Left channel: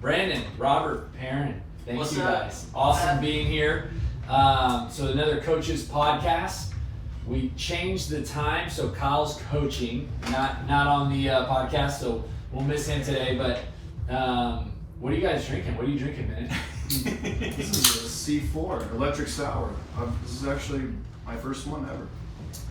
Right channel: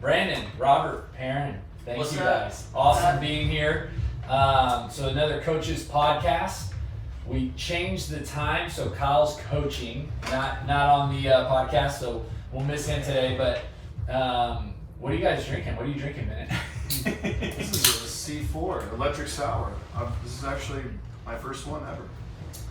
Brandon, Robert, Aaron, thank What's you up? guys. Awesome being here. So another coaches podcast. We changed the time, so Kyle's coaching, not on the podcast, so we'll miss him today. But what are you guys drinking? What are you drinking, Minute? This is a C4 electric sour. This is actually my first one ever.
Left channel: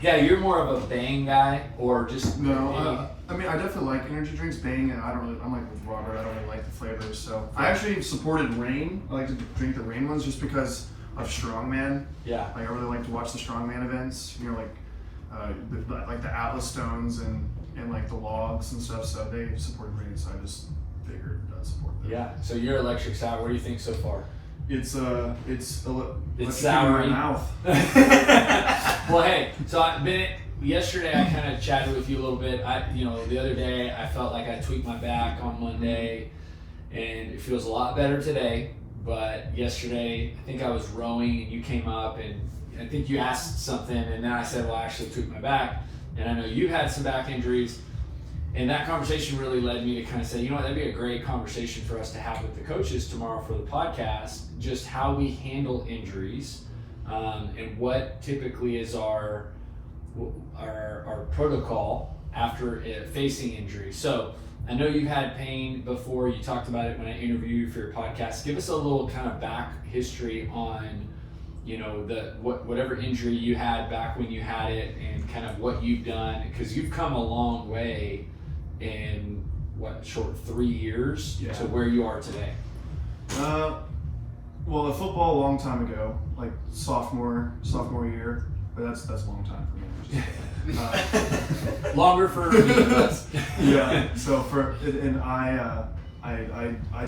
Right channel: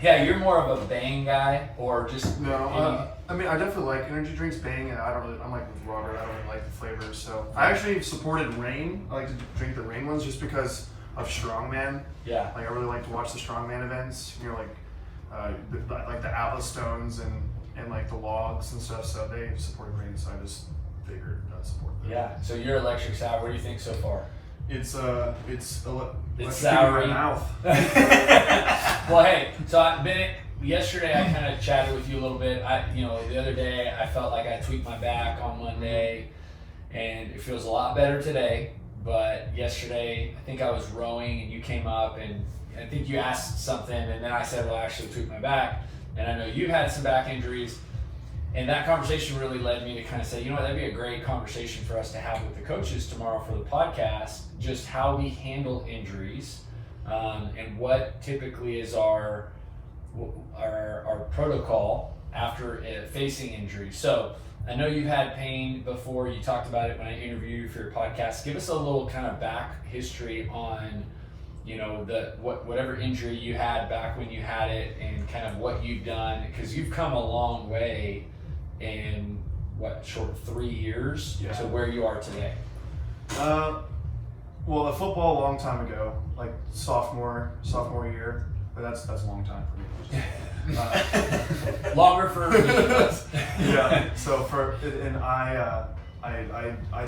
Yeah, you're more of a Bang guy, or just No, I mean I definitely like energy drinks. Bang, and I'm like with Robert. I don't really like the flavors, so I actually supported Reign. I like to drink the Reign ones just because of Strongman. Yeah. Like I really like to watch the Strongman events. You know, like the Atlas Stones and like the Logs and stuff. So they supported Reign, so I just figured I'd support them. Yeah. So you're electric sour. What do you think so far? It's sour in my mouth. Well, hey, so Bennett, yesterday I kind of chatted with you a little bit. The other day I felt like I tweaked my back on Monday, and it feels a lot better today. But yesterday, I think I was rowing, and you came up, and I think you asked something, and then I said, well, I actually tweaked my back. And I know you had some back injuries. And that conversation really led me to kind of say, you know what, that'd be a great conversation for us to have with the coaches tomorrow for the podcast, just how we handle injuries, and what typically is our protocol after facing injuries. So I know you've had pain before. You talked about it when I interviewed you for your podcast. Give us a little kind of back history on, whatever injury you had back when you had it, and kind of what you've done, because you've come a long way in short 3 years to where you are today. Well, the football a long time ago, like sophomore year, but that's a long time for me. Longer for me, but yeah. So I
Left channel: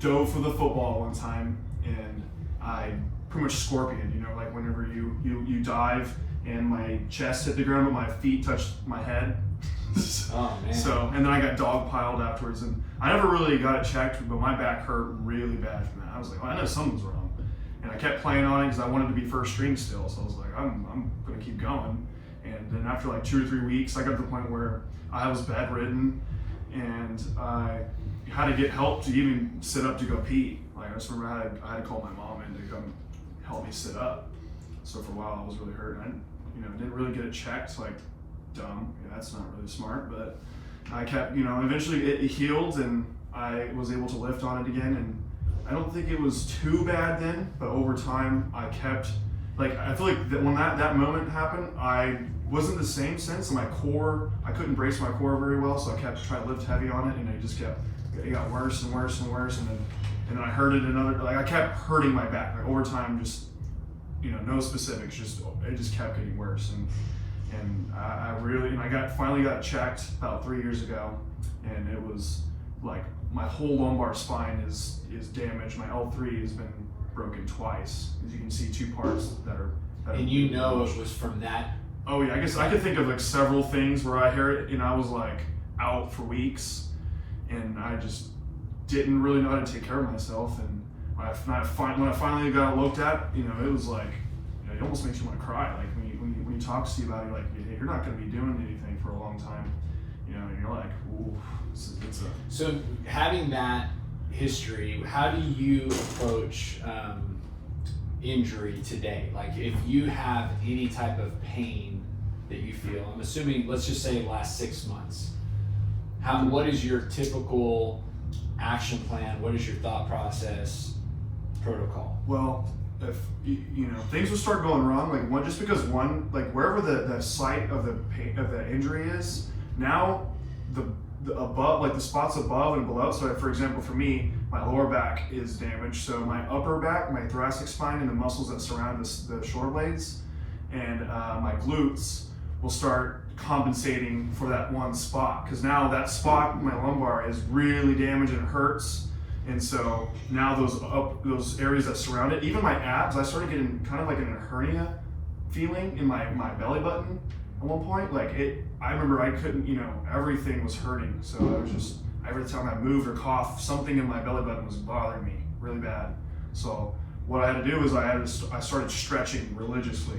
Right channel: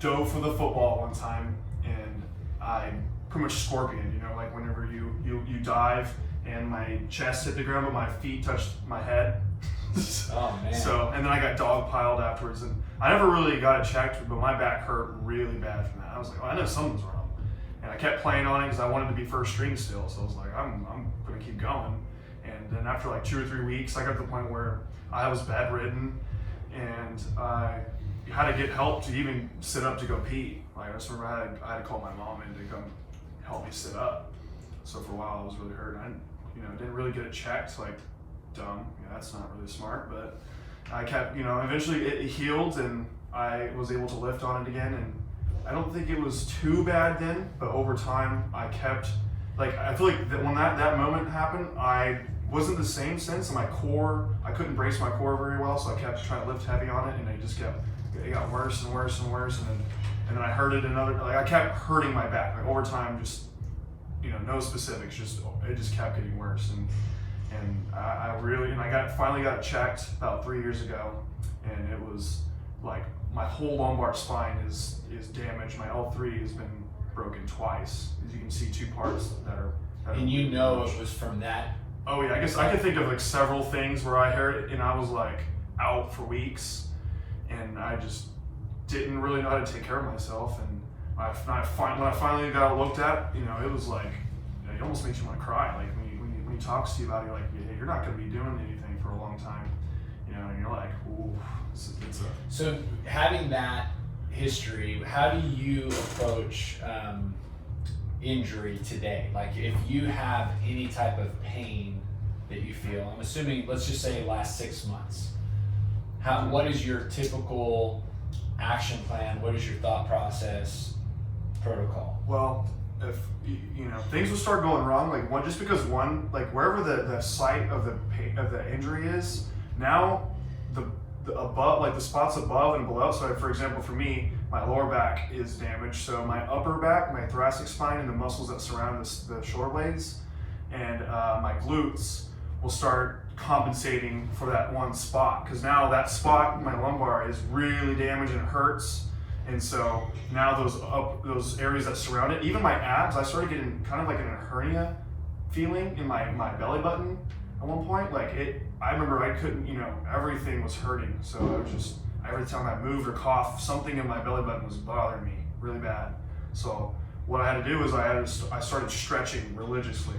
dove for the football one time, and I pretty much scorpioned. Like whenever you dive, and my chest hit the ground, but my feet touched my head. Oh man. So, and then I got dogpiled afterwards, and I never really got it checked, but my back hurt really bad from that. I was like, I know something's wrong, and I kept playing on it because I wanted to be first string still. So I was like, I'm gonna keep going. And then after like 2 or 3 weeks, I got to the point where I was bedridden, and I had to get help to even sit up to go pee. Like I just remember I had to call my mom in to come help me sit up. So for a while I was really hurt. And I didn't really get it checked. Like dumb. That's not really smart. But I kept, eventually it healed, and I was able to lift on it again. And I don't think it was too bad then, but over time I kept, I feel like that when that moment happened, I wasn't the same since. And my core, I couldn't brace my core very well, so I kept trying to lift heavy on it, and it got worse and worse and worse. And then I hurt it I kept hurting my back. Like over time, just, no specifics, it just kept getting worse. And I finally got checked about 3 years ago, and it was like my whole lumbar spine is damaged. My L3 has been broken twice. As you can see, 2 parts that are. And it was from that. Oh yeah, I guess I could think of several things where I heard it. I was out for weeks, and I just didn't really know how to take care of myself. And when I finally got looked at, it was like, it almost makes you want to cry. Like when he talks to you about it, hey, you're not going to be doing anything for a long time, and you're like, ooh, So having that history, how do you approach injury today? Like if you have any type of pain that you feel, I'm assuming, let's just say in the last 6 months, what is your typical action plan? What is your thought process, protocol? Well, if things will start going wrong, just because wherever the site of the injury is, now the above, the spots above and below. So for example, for me, my lower back is damaged. So my upper back, my thoracic spine, and the muscles that surround the shoulder blades, and my glutes will start compensating for that one spot. Because now that spot, my lumbar, is really damaged and it hurts. And so now those areas that surround it, even my abs, I started getting kind of like a hernia feeling in my belly button at one point. I remember I couldn't, everything was hurting. So I was just, every time I moved or coughed, something in my belly button was bothering me really bad. So what I had to do is I started stretching religiously.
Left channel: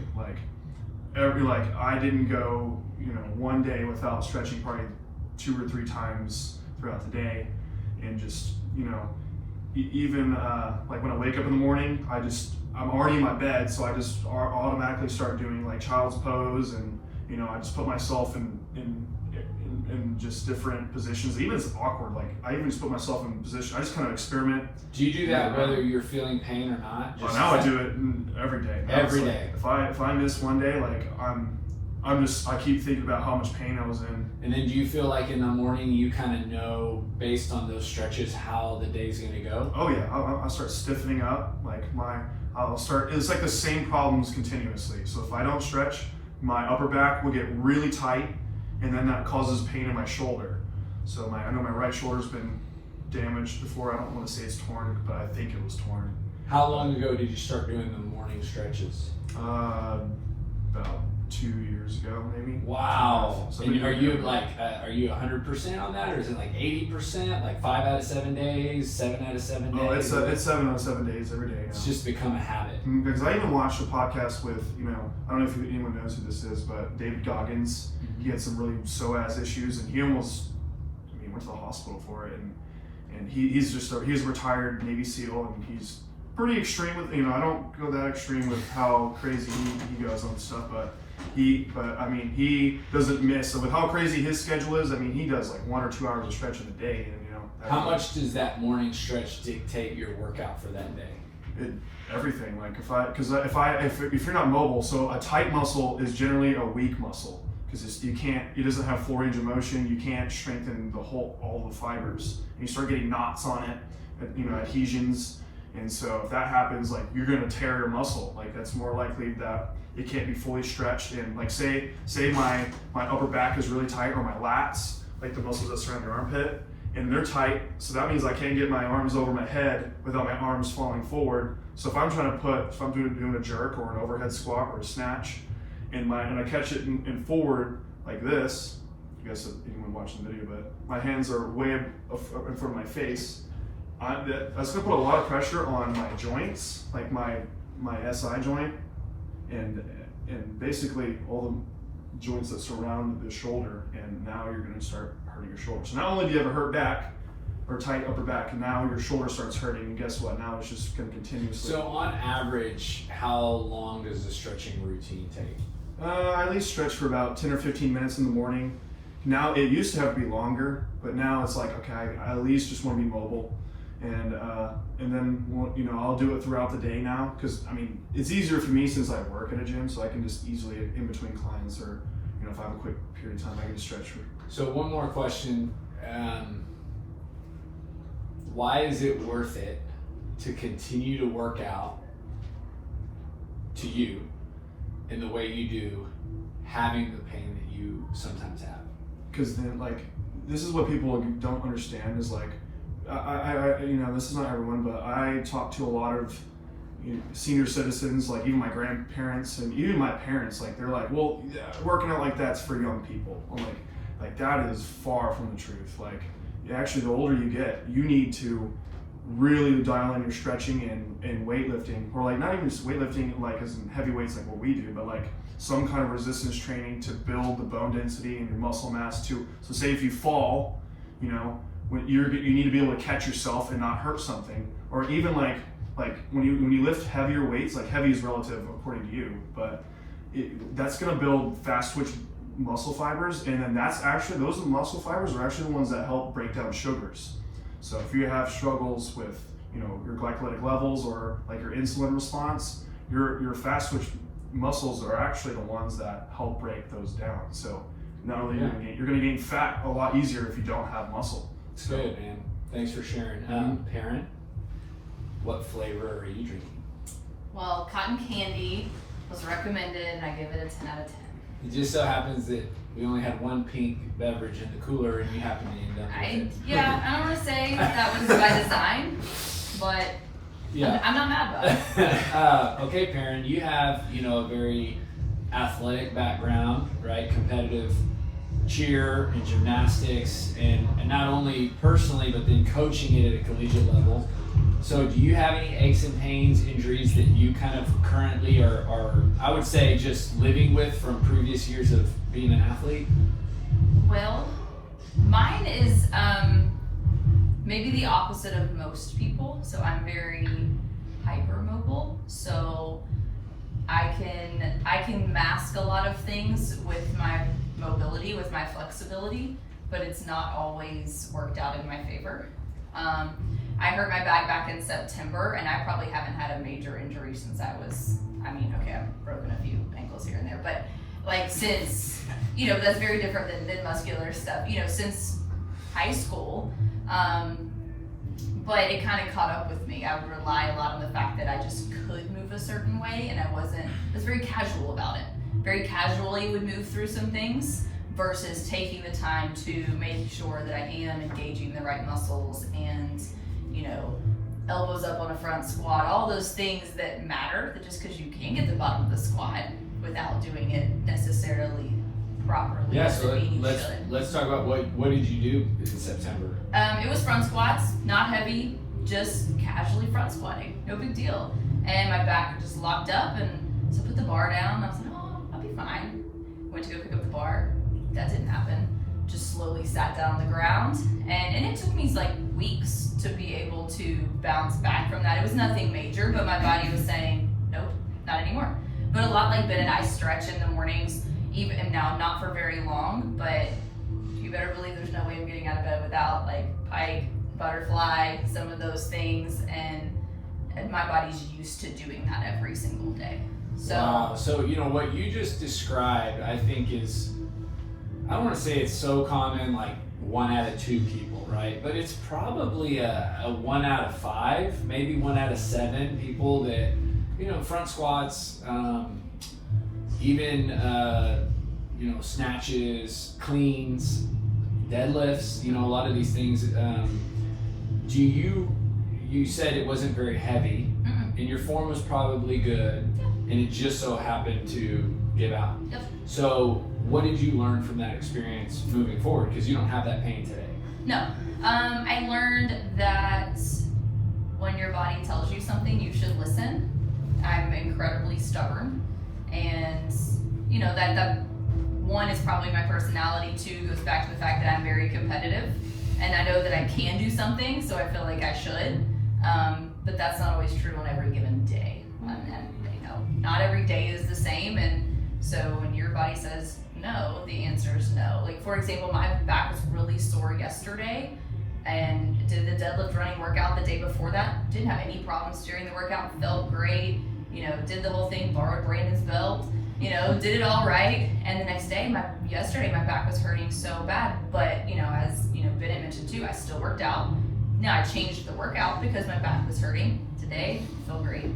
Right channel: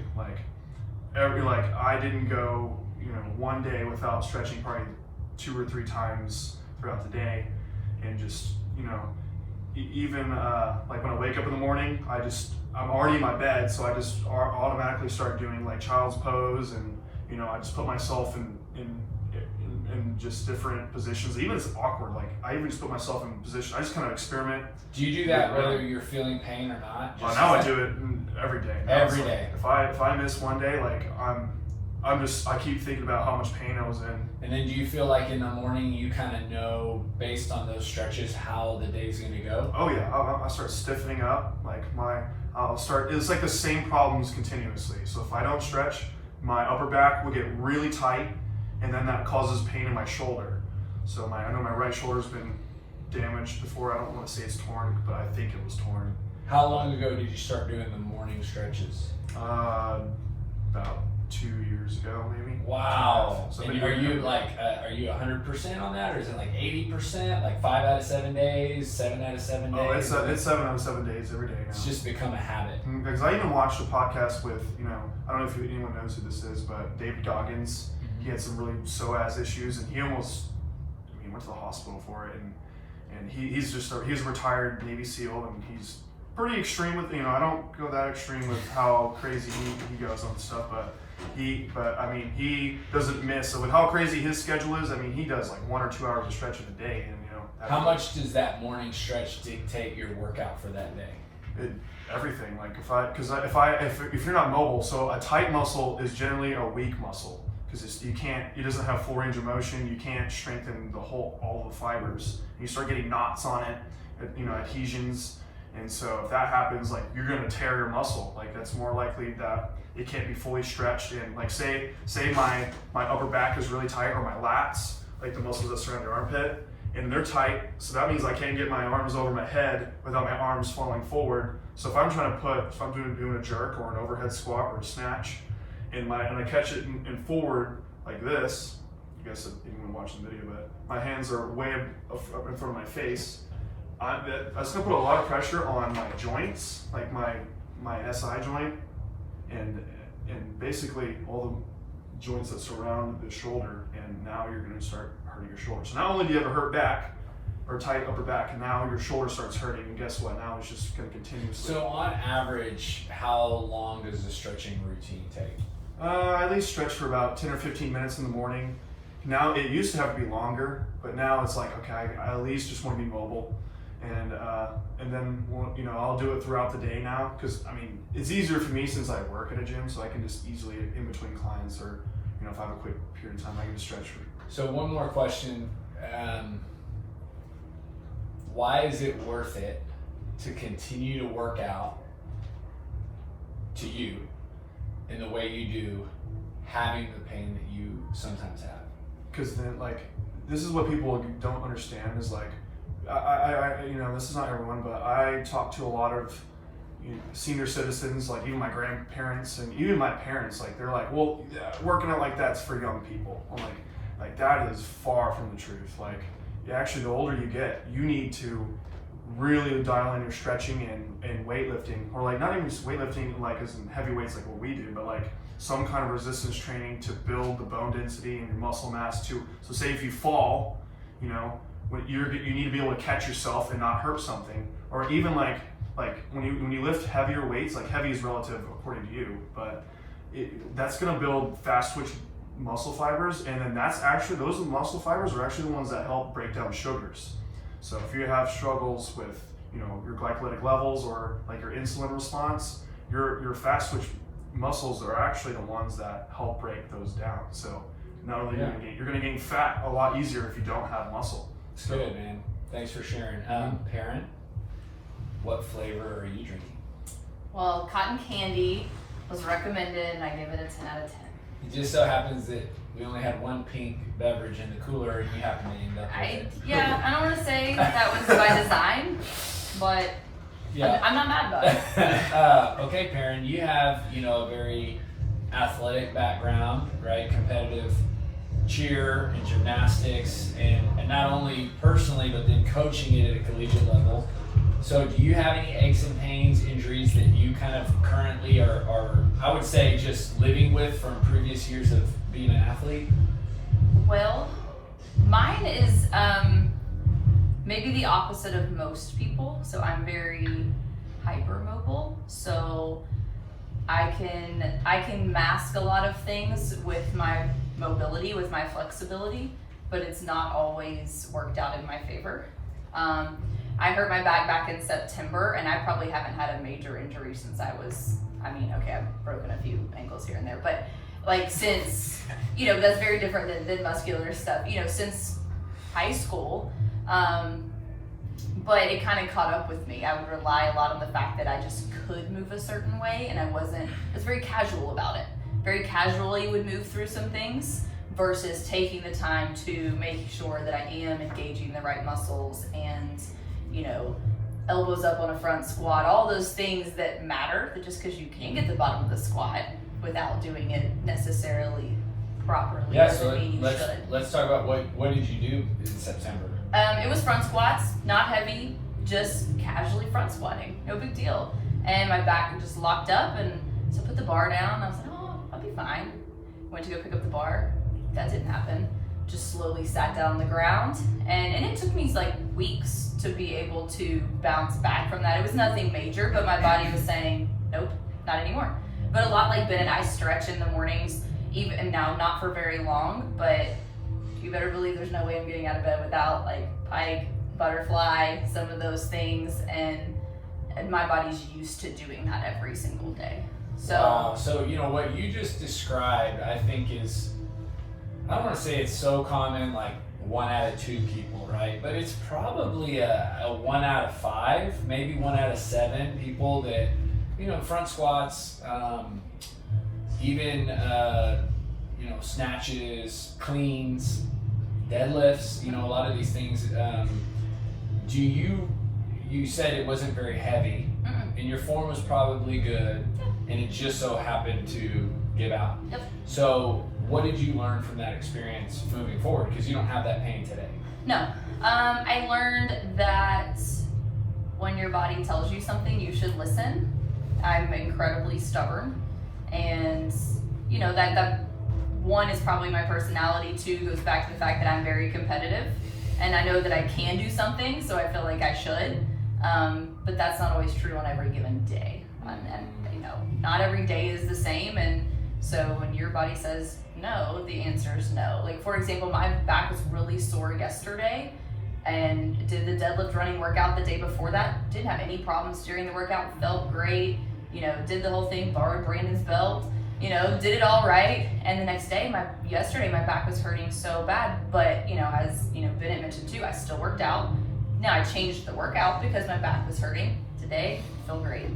I didn't go, one day without stretching probably 2 or 3 times throughout the day, and just you know, even like when I wake up in the morning, I'm already in my bed, so I just automatically start doing like child's pose, and you know, I just put myself in just different positions. Even if it's awkward, like I even just put myself in position. I just kind of experiment. Do you do that whether you're feeling pain or not? Now I do it every day. Every day. If I miss one day, like I keep thinking about how much pain I was in. And then do you feel like in the morning you kind of know based on those stretches how the day's gonna go? Oh yeah, I'll start stiffening up. Like it's like the same problems continuously. So if I don't stretch, my upper back will get really tight, and then that causes pain in my shoulder. So I know my right shoulder's been damaged before. I don't want to say it's torn, but I think it was torn. How long ago did you start doing the morning stretches? About 2 years ago, maybe. Wow. So and are you 100% on that, or is it like 80%, like 5 out of 7 days, 7 out of 7 days? Oh, it's 7 out of 7 days every day now. It's just become a habit. Because I even watched a podcast with, you know, I don't know if anyone knows who this is, but David Goggins. He had some really psoas issues, and he went to the hospital for it, and he's a retired Navy SEAL, and he's pretty extreme with, you know, I don't go that extreme with how crazy he goes on stuff, but he doesn't miss. So with how crazy his schedule is, I mean, he does like 1 or 2 hours of stretching a day, and you know. How much does that morning stretch dictate your workout for that day? Everything. Like if you're not mobile, so a tight muscle is generally a weak muscle. Because it doesn't have full range of motion. You can't strengthen all the fibers. You start getting knots on it, you know, adhesions. And so if that happens, like you're gonna tear your muscle. Like that's more likely that it can't be fully stretched. And like say my upper back is really tight, or my lats, like the muscles that surround your armpit, and they're tight. So that means I can't get my arms over my head without my arms falling forward. So if I'm doing a jerk or an overhead squat or a snatch, and I catch it in forward like this, I guess anyone watching the video, but my hands are way up in front of my face. That's gonna put a lot of pressure on my joints, like my SI joint, and basically all the joints that surround the shoulder. And now you're gonna start hurting your shoulder. So not only do you have a hurt back or tight upper back, and now your shoulder starts hurting. And guess what? Now it's just gonna continuously. So on average, how long does the stretching routine take? I at least stretch for about 10 or 15 minutes in the morning. Now, it used to have to be longer, but now it's like, okay, I at least just want to be mobile. And then, you know, I'll do it throughout the day now, because, I mean, it's easier for me since I work at a gym, so I can just easily, in between clients, or, you know, if I have a quick period of time, I can just stretch. So one more question. Why is it worth it to continue to work out to you in the way you do, having the pain that you sometimes have? Because then, like, this is what people don't understand is like, I you know, this is not everyone, but I talk to a lot of senior citizens, like even my grandparents and even my parents. Like they're like, well, yeah, working out like that's for young people. I'm like that is far from the truth. Like, actually, the older you get, you need to really dial in your stretching and weightlifting, or like not even just weightlifting like as in heavy weights like what we do, but like some kind of resistance training to build the bone density and your muscle mass too. So say if you fall, you know, you need to be able to catch yourself and not hurt something. Or even like when you lift heavier weights, like heavy is relative according to you, but that's going to build fast twitch muscle fibers, and then those muscle fibers are actually the ones that help break down sugars. So if you have struggles with, you know, your glycolytic levels or like your insulin response, your fast twitch muscles are actually the ones that help break those down. So not only you're going to gain fat a lot easier if you don't have muscle. It's good, man. Thanks for sharing. Perrin, what flavor are you drinking? Well, cotton candy was recommended, and I give it a 10 out of 10. It just so happens that we only had one pink beverage in the cooler, and we happened to end up with it. Yeah, I don't want to say that was by design, but yeah. I'm not mad about it. Okay, Perrin, you have, you know, a very athletic background, right? Competitive cheer and gymnastics, and not only personally, but then coaching it at a collegiate level. So do you have any aches and pains, injuries that you kind of currently are I would say, just living with from previous years of being an athlete? Well, mine is maybe the opposite of most people. So I'm very hypermobile. So I can mask a lot of things with my mobility, with my flexibility, but it's not always worked out in my favor. I hurt my back in September, and I probably haven't had a major injury since I've broken a few ankles here and there, but like since, that's very different than muscular stuff, since high school. But it kind of caught up with me. I would rely a lot on the fact that I just could move a certain way, and I was very casual about it. Very casually would move through some things versus taking the time to make sure that I am engaging the right muscles and, elbows up on a front squat, all those things that matter, that just because you can get the bottom of the squat without doing it necessarily properly. Yeah, so let's talk about what did you do in September? It was front squats, not heavy, just casually front squatting, no big deal. And my back just locked up, and so I put the bar down, and I was like, oh, I'll be fine. Went to go pick up the bar, that didn't happen. Just slowly sat down on the ground, and it took me like weeks to be able to bounce back from that. It was nothing major, but my body was saying, nope, not anymore. But a lot like Ben, I stretch in the mornings, even now, not for very long, but you better believe there's no way I'm getting out of bed without like pike, butterfly, some of those things, and my body's used to doing that every single day. So, wow. So what you just described, I think is, I don't want to say it's so common, like 1 out of 2 people, right? But it's probably a 1 out of 5, maybe 1 out of 7 people that, front squats, even snatches, cleans, deadlifts, a lot of these things. You said it wasn't very heavy, and your form was probably good, and it just so happened to give out. Yep. So what did you learn from that experience moving forward? Because you don't have that pain today. No. I learned that when your body tells you something, you should listen. I'm incredibly stubborn, and that one is probably my personality. 2 goes back to the fact that I'm very competitive, and I know that I can do something, so I feel like I should. But that's not always true on every given day. Not every day is the same, and so when your body says no, the answer is no. Like, for example, my back was really sore yesterday, and did the deadlift running workout the day before that. Didn't have any problems during the workout, felt great, did the whole thing, borrowed Brandon's belt, did it all right. And the next day, yesterday my back was hurting so bad, but as Bennett mentioned too, I still worked out. Now I changed the workout because my back was hurting. Today, I feel great.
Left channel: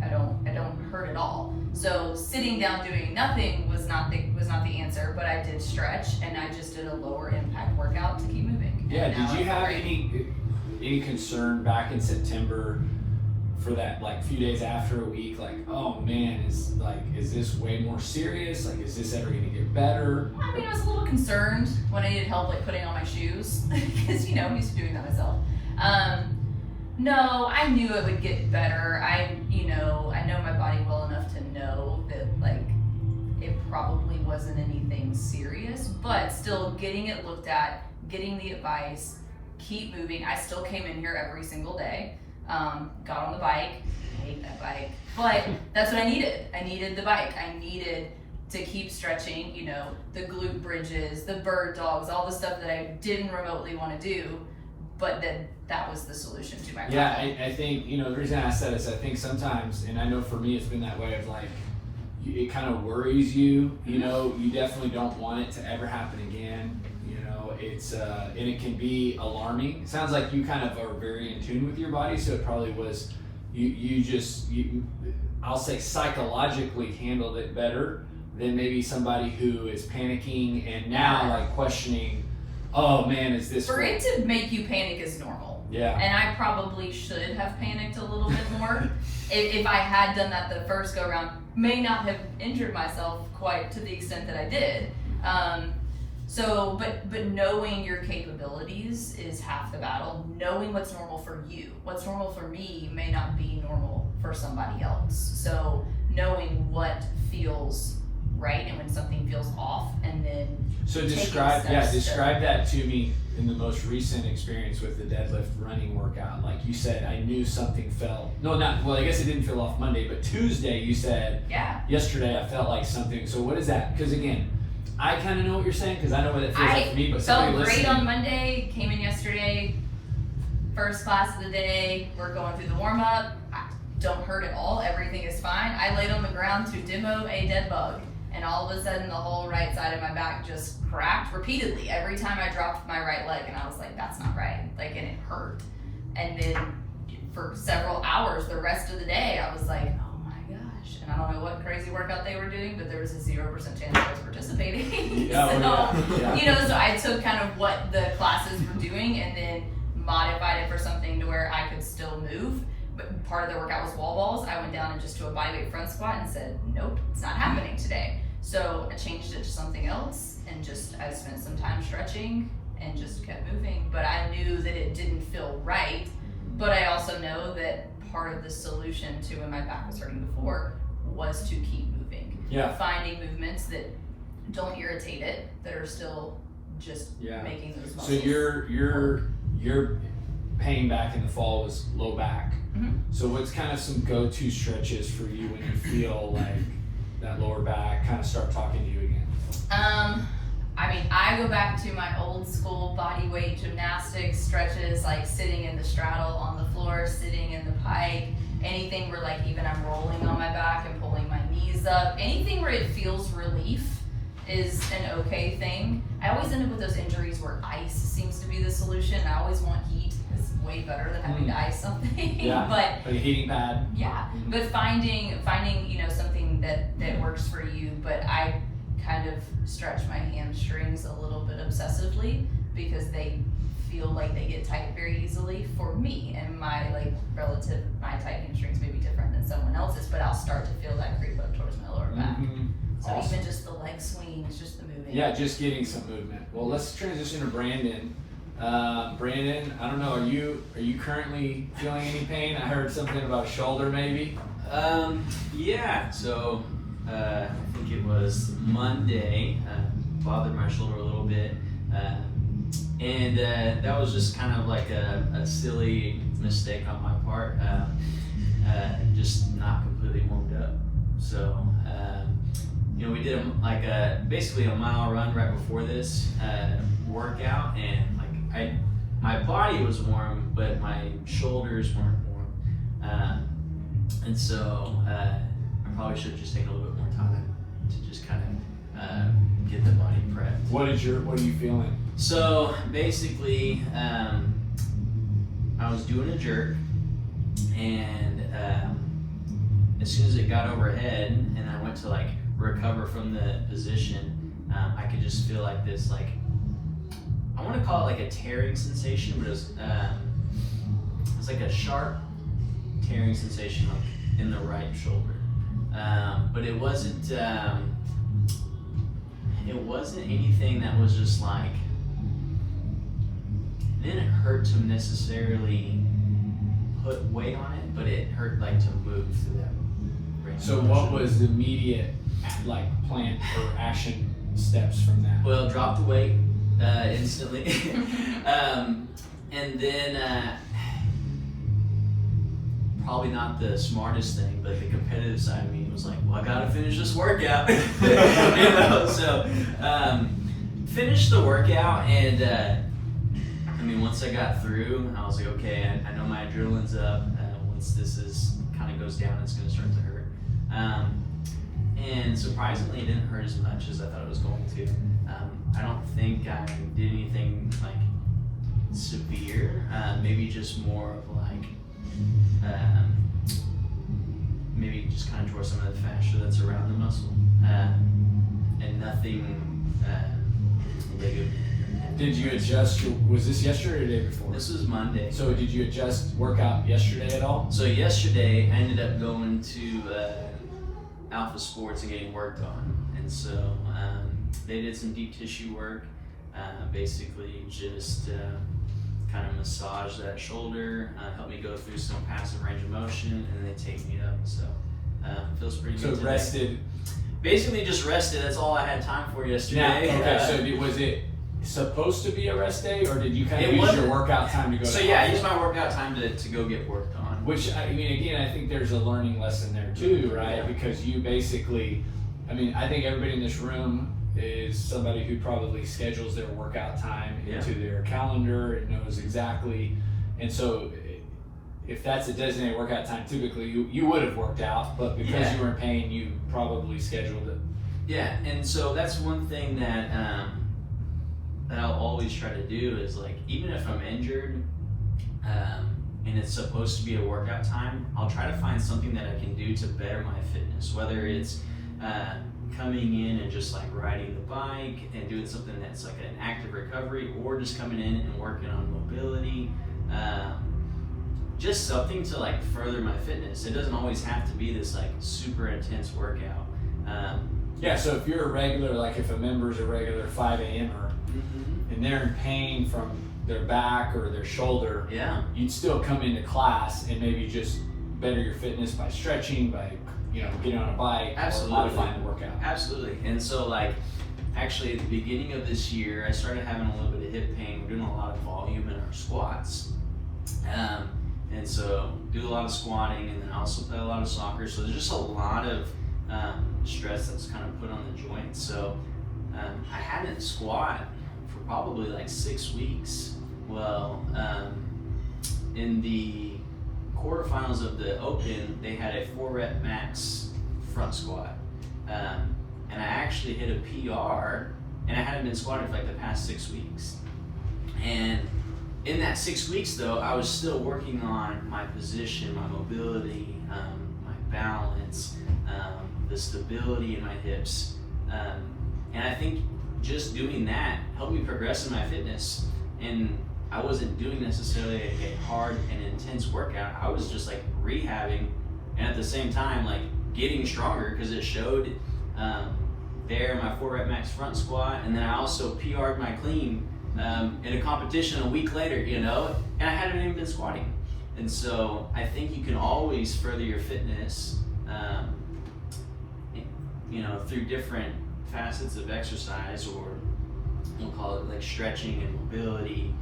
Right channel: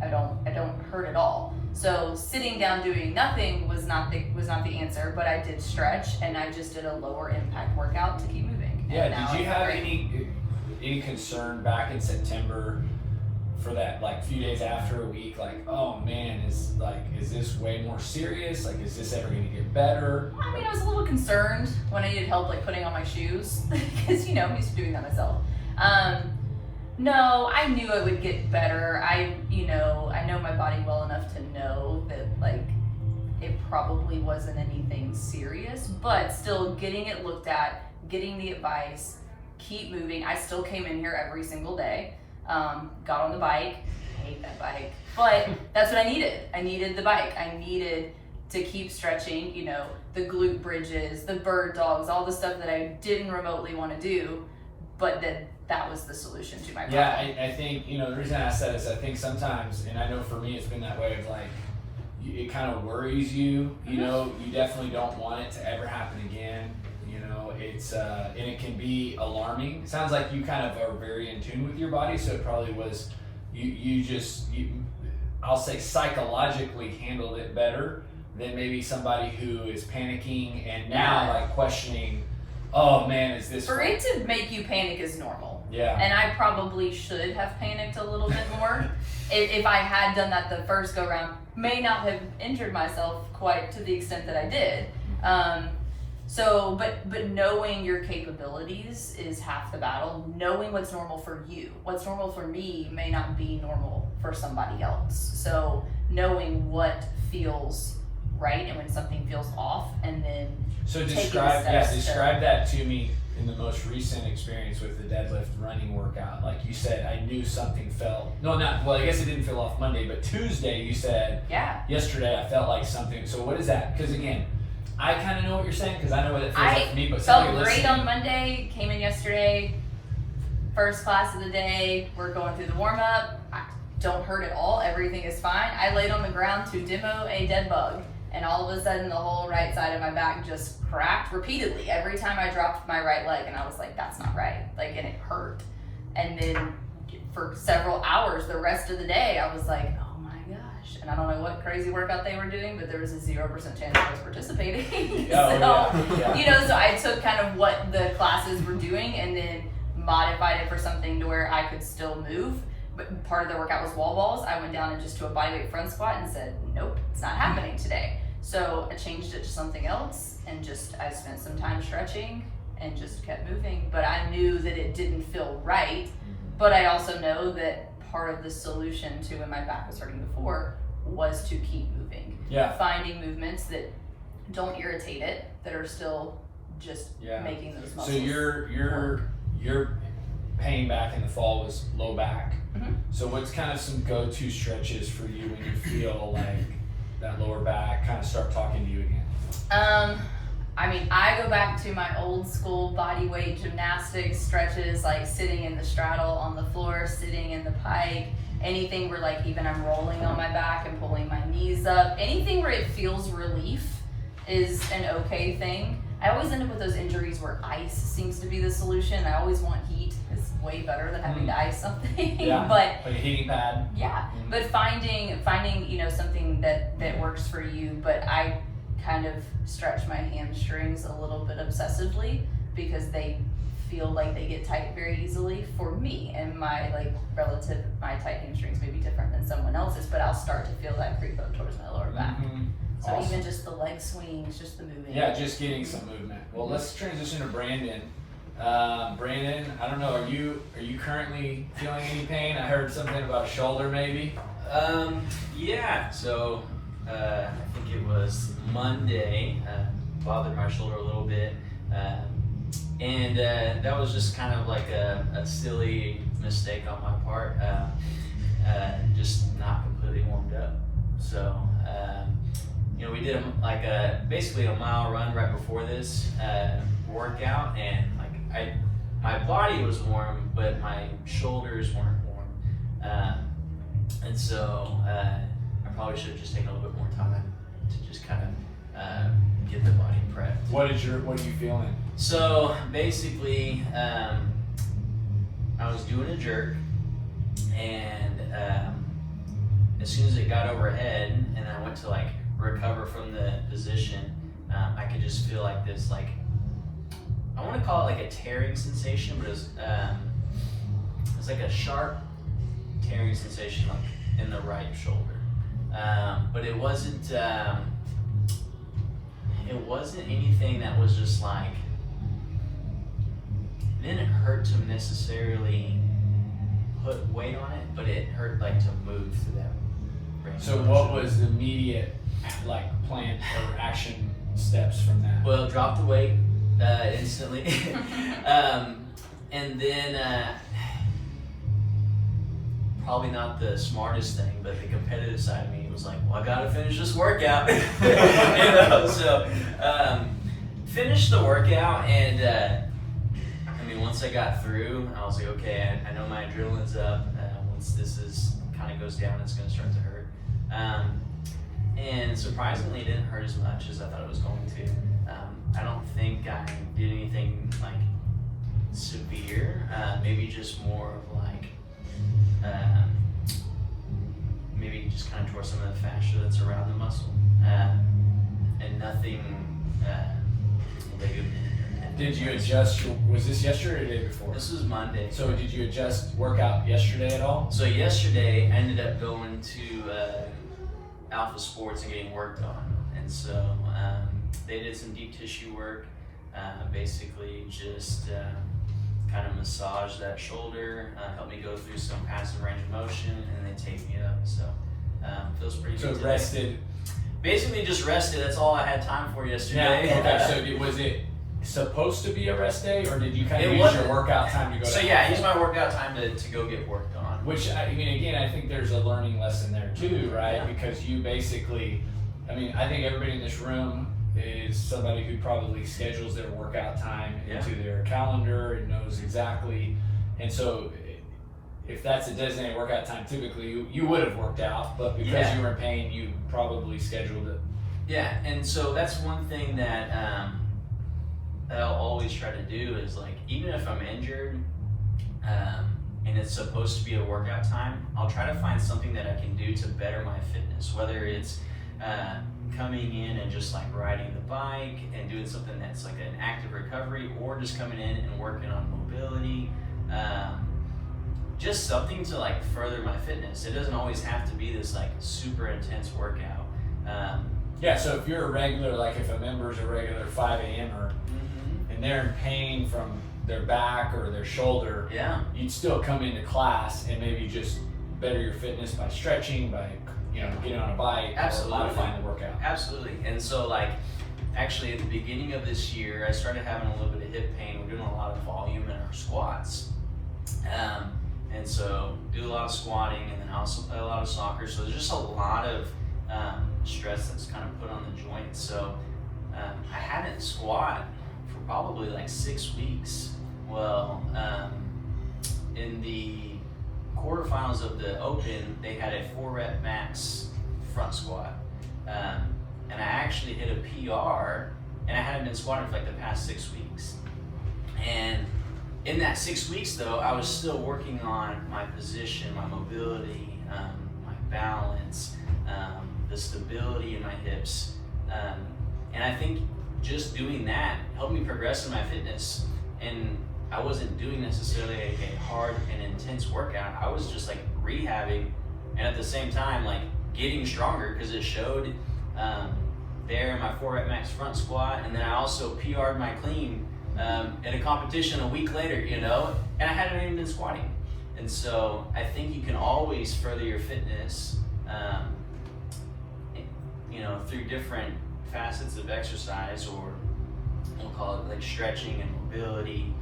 I don't hurt at all. So sitting down doing nothing was not the answer, but I did stretch, and I just did a lower impact workout to keep moving. Yeah, did you have any concern back in September for that, like, few days after a week, like, oh man, is this way more serious? Like, is this ever gonna get better? I mean, I was a little concerned when I needed help, like, putting on my shoes, because, I'm used to doing that myself. No, I knew it would get better. I know my body well enough to know that, like, it probably wasn't anything serious, but still getting it looked at, getting the advice, keep moving. I still came in here every single day, got on the bike, I hate that bike, but that's what I needed. I needed the bike. I needed to keep stretching, the glute bridges, the bird dogs, all the stuff that I didn't remotely want to do, but that was the solution to my problem. Yeah, I think, the reason I asked that is I think sometimes, and I know for me it's been that way of like, it kind of worries you, you definitely don't want it to ever happen again. It's and it can be alarming. It sounds like you kind of are very in tune with your body, so it probably was you I'll say psychologically handled it better than maybe somebody who is panicking and now like questioning, oh man, is this for it to make you panic is normal. Yeah. And I probably should have panicked a little bit more. If I had done that the first go round, may not have injured myself quite to the extent that I did. But knowing your capabilities is half the battle. Knowing what's normal for you. What's normal for me may not be normal for somebody else. So knowing what feels right and when something feels off, and then describe that to me. in the most recent experience with the deadlift running workout, like you said, I knew something felt, I guess it didn't feel off Monday, but Tuesday you said, Yeah. yesterday I felt like something. So what is that? Because again, I kind of know what you're saying because I know what it feels like for me, but felt somebody great listening. on Monday, came in yesterday, first class of the day, we're going through the warm-up, I don't hurt at all, everything is fine. I laid on the ground to demo a dead bug, and all of a sudden the whole right side of my back just cracked repeatedly every time I dropped my right leg, and I was like, that's not right, like, and it hurt. And then for several hours the rest of the day I was like, oh my gosh, and I don't know what crazy workout they were doing, but there was a 0% chance I was participating. So I took kind of what the classes were doing and then modified it for something to where I could still move. But part of the workout was wall balls. I went down and just to a bodyweight front squat and said, nope, it's not happening today. So I changed it to something else and I spent some time stretching and just kept moving. But I knew that it didn't feel right. But I also know that part of the solution to when my back was hurting before was to keep moving. Yeah. Finding movements that don't irritate it, that are still just making those muscles. So your pain back in the fall was low back. Mhm. So what's kind of some go-to stretches for you when you feel like that lower back kind of start talking to you again? I mean, I go back to my old school body weight gymnastics stretches, like sitting in the straddle on the floor, sitting in the pike, anything where like even I'm rolling on my back and pulling my knees up, anything where it feels relief is an okay thing. I always end up with those injuries where ice seems to be the solution. I always want heat. It's way better than having to ice something. Yeah. But like a heating pad. yeah, but finding something that works for you. But I kind of stretch my hamstrings a little bit obsessively because they feel like they get tight very easily for me, and my tight hamstrings may be different than someone else's, but I'll start to feel that creep up towards my lower back. So Awesome. even just the leg swings, just the movement. Yeah, just getting some movement. Well, let's transition to Brandon. Brandon, I don't know, are you currently feeling any pain? I heard something about a shoulder maybe. Yeah, so I think it was Monday, bothered my shoulder a little bit, and that was just kind of like a silly mistake on my part, just not completely warmed up. So, we did basically a mile run right before this workout, and my body was warm, but my shoulders weren't warm, and so I probably should just take a little bit more time to just kind of get the body prepped. What are you feeling? So basically, I was doing a jerk, and as soon as it got overhead and I went to recover from the position, I could just feel like this, I want to call it like a tearing sensation, but it's like a sharp tearing sensation in the right shoulder. But it wasn't anything that was just it didn't hurt to necessarily put weight on it, but it hurt to move through that range. So what was the immediate plan or action steps from that? Well, drop the weight instantly, and then probably not the smartest thing, but the competitive side of me was like, well, I gotta finish this workout. So finished the workout, and once I got through, I was like, okay, I know my adrenaline's up. Once this kind of goes down, it's gonna start to hurt. And surprisingly, it didn't hurt as much as I thought it was going to. I don't think I did anything severe. Maybe just more of maybe just kind of tore some of the fascia that's around the muscle, and nothing big. Did you adjust? Was this yesterday or the day before? This was Monday. So did you adjust workout yesterday at all? So yesterday I ended up going to Alpha Sports and getting worked on, and so they did some deep tissue work, basically just kind of massage that shoulder, help me go through some passive range of motion, and then they take me up. So feels pretty good. So rested. Basically just rested. That's all I had time for yesterday. Okay. So was it supposed to be a rest day, or did you kind of It use your wasn't. workout time to go? So to yeah, I use my workout time to go get worked on. Which, I mean, again, I think there's a learning lesson there too, right? Yeah. Because you basically, I mean, I think everybody in this room is somebody who probably schedules their workout time Yeah. into their calendar and knows exactly. And so, if that's a designated workout time, typically you would have worked out, but because Yeah. you were in pain, you probably scheduled it. Yeah, and so that's one thing that I'll always try to do is like, even if I'm injured and it's supposed to be a workout time, I'll try to find something that I can do to better my fitness, whether it's coming in and just like riding the bike and doing something that's like an active recovery, or just coming in and working on mobility. Just something to like further my fitness. It doesn't always have to be this like super intense workout. Yeah, so if you're a regular, like if a member's a regular 5 a.m.er and they're in pain from their back or their shoulder, Yeah. you'd still come into class and maybe just better your fitness by stretching, by getting on a bike, Absolutely. modifying the workout. Absolutely. And so like, actually at the beginning of this year, I started having a little bit of hip pain. We're doing a lot of volume in our squats. And so do a lot of squatting, and then I also play a lot of soccer. So there's just a lot of stress that's kind of put on the joints. So I hadn't squat for probably like 6 weeks. Well, in the quarterfinals of the Open, they had a 4-rep max front squat. And I actually hit a PR, and I hadn't been squatting for like the past 6 weeks. And in that 6 weeks though, I was still working on my position, my mobility, my balance, the stability in my hips. And I think just doing that helped me progress in my fitness. And I wasn't doing necessarily a hard and intense workout. I was just like rehabbing, and at the same time like getting stronger, because it showed there my 4-rep max front squat. And then I also PR'd my clean in a competition a week later, and I hadn't even been squatting. And so I think you can always further your fitness, through different facets of exercise, or we'll call it like stretching and mobility,